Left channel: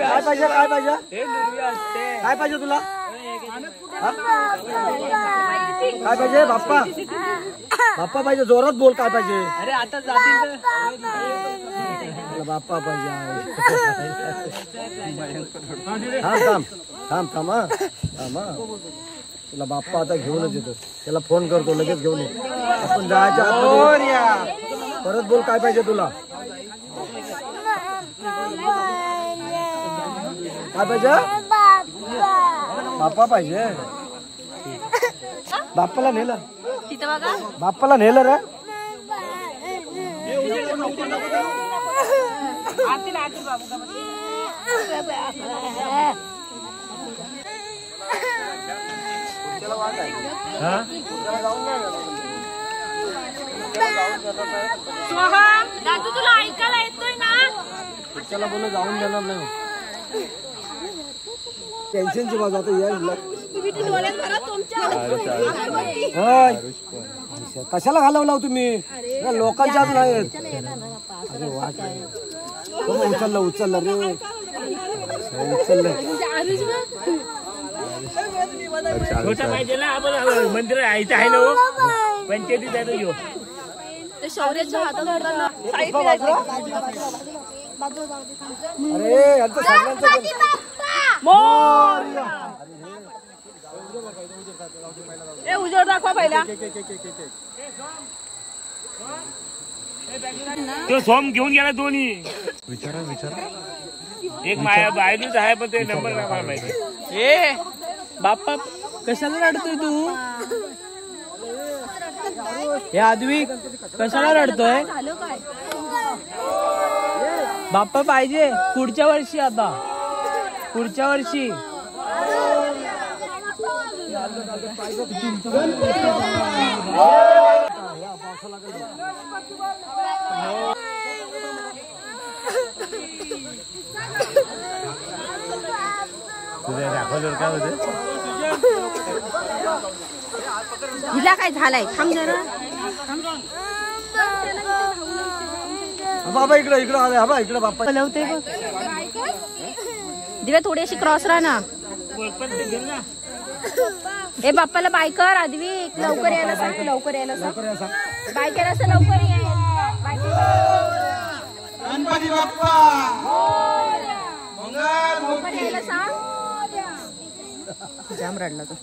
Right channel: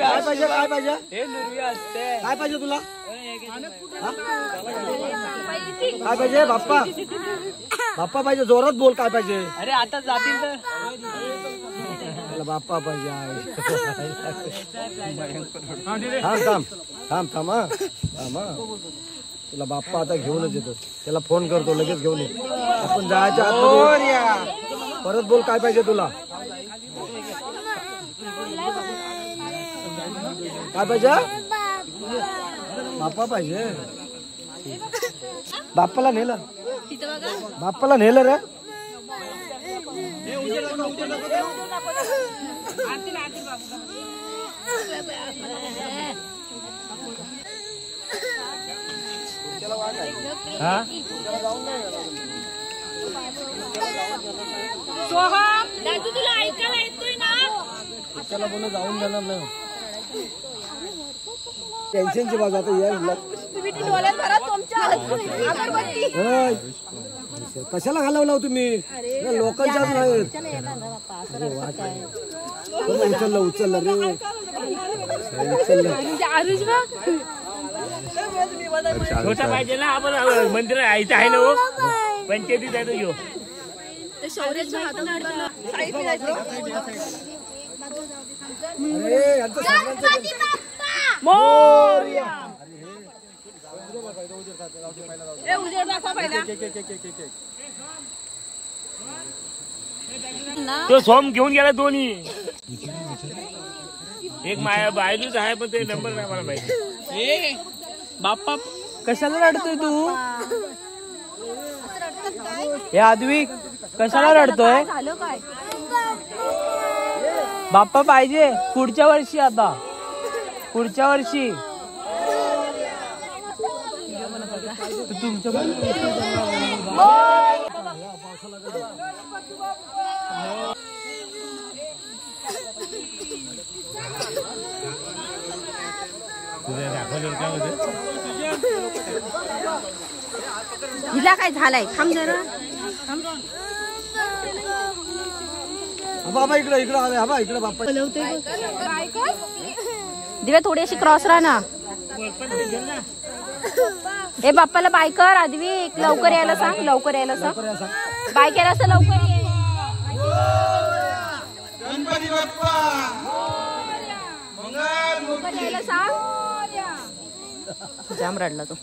काय पाहिजे काय पाहिजे काय पाहिजे तुला काय पाहिजे बाप्पा बाप्पा पाहिजे जोरात बोल काय पाहिजे अरे आता जातील बाप्पा पाहिजे थांब थांब थांब थांब थांब तुला बाप्पा आता घेऊनच येतो त्याला फोन करतो लगेच घेऊन ये आपण जायच्या आत परत बोल काय पाहिजे तुला काय पाहिजे बाप्पा पाहिजे बाप्पाला नेलं बाप्पाला नेलं रे हा दादू तुला ऐकायला येतोय ना त्याला बोल जाऊन देणार नाही टेन्शनची बाजू आता यायला कशाला घालवला तुम्ही लोकांच्या हात नाही उचललं उचललं रे उचललं छोटा पाहिजे ना आपण मंदिर यायचं आहे ना पंचायतीत आहे तो घेऊ शौर्याच्या हातात अरे यांचं सगळ्यांचं उजेड दाखवा पहिला तो सोम घेऊन गेला दोन्ही एक माया बायलूच आहे पण ते नंबर नाही मला माहिती ए बाप्पा कशाला रडतोय तू हे आदवी कशाला रडतोय बाप्पा पाहिजे पुढच्या वर्षी आता पुढच्या वर्षी हिला काय झालंय थांब जरा बाबा इकडे इकडे हवे हा इकडे बाप्पा बोलवते दिव्या थोडी अशी क्रॉस राहा ना ए बाप्पाला बाय कर आदवी लवकर यायला सांग लवकर यायला सांग बाय केला असं लवकर ये गणपती बाप्पा लवकर यायला सांग जाम रडला तो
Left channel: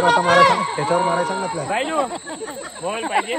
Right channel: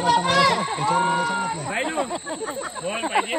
आता मारायचं त्याच्यावर मारायचं ना बोल पाहिजे